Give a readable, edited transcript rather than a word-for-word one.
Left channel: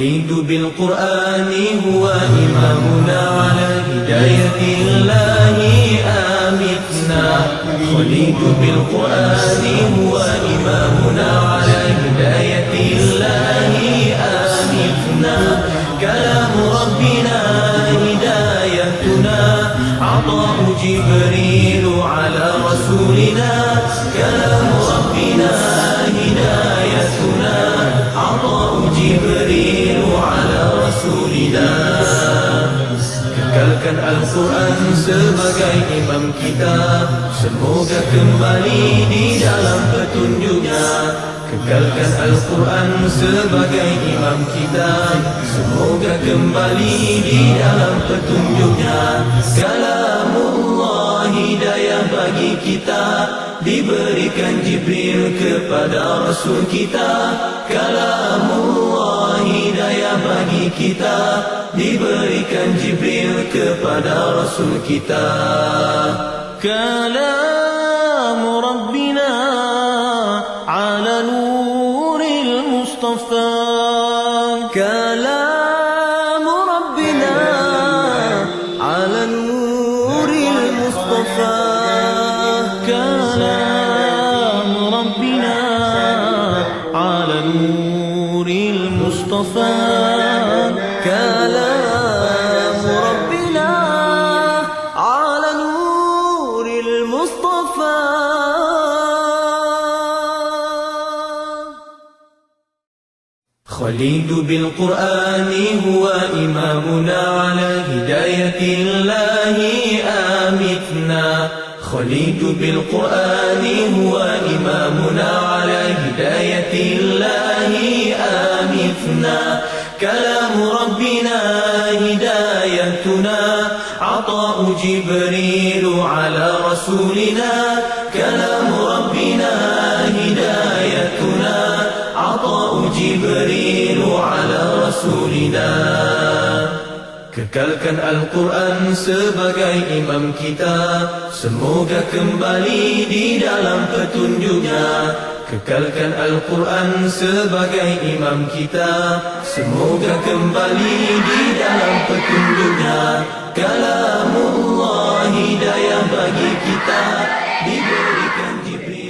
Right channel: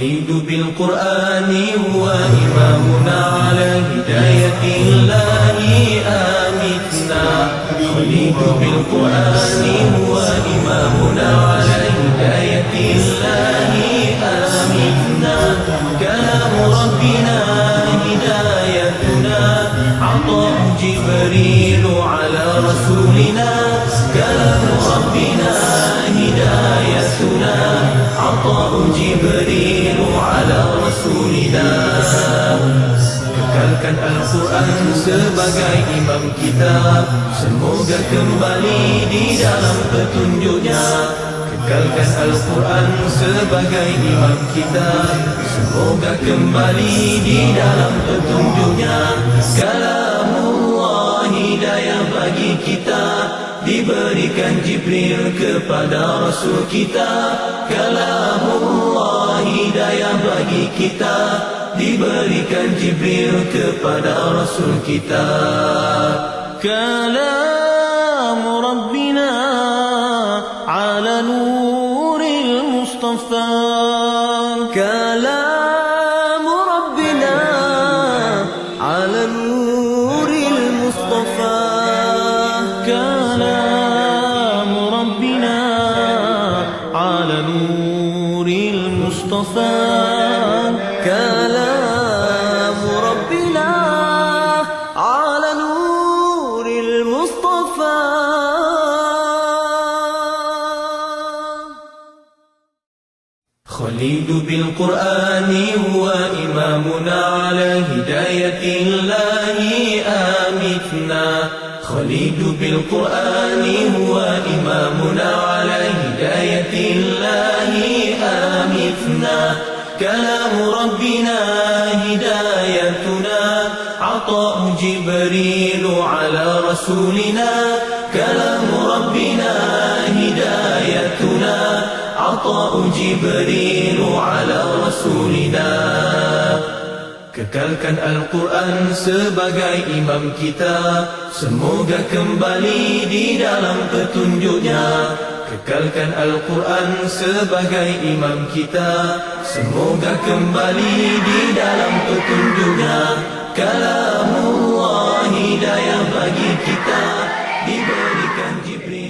خليد بالقرآن هو إمامنا على هداية الله آمتنا. خليد بالقرآن هو إمامنا على هداية الله آمتنا. كلام ربنا هدايتنا، عطاء جبريل على رسولنا. كلام ربنا هدايتنا، عطاء جبريل على رسولنا. Kekalkan Al-Quran sebagai imam kita, semoga kembali di dalam petunjuknya. Kekalkan Al-Quran sebagai imam kita, semoga kembali di dalam petunjuknya. Kalamullah hidayah bagi kita, diberikan Jibril kepada Rasul kita. Kalamullah hidayah bagi kita, diberikan Jibril kepada Rasul kita. كلام ربنا على نور المصطفى. كلام ربنا على نور المصطفى. كلام ربنا على نور المصطفى. كلام ربنا على نور المصطفى. خليد بالقرآن هو إمامنا على هداية الله آمتنا. خليد بالقرآن هو إمامنا على هداية الله آمتنا. كلام ربنا هدايتنا، عطاء جبريل على رسولنا. كلام ربنا هدايتنا، عطاء جبريل على رسولنا. Kekalkan Al-Quran sebagai imam kita, semoga kembali di dalam petunjuknya. Kekalkan Al-Quran sebagai imam kita, semoga kembali di dalam petunjuknya. Kalamullah hidayah bagi kita, diberikan Jibril.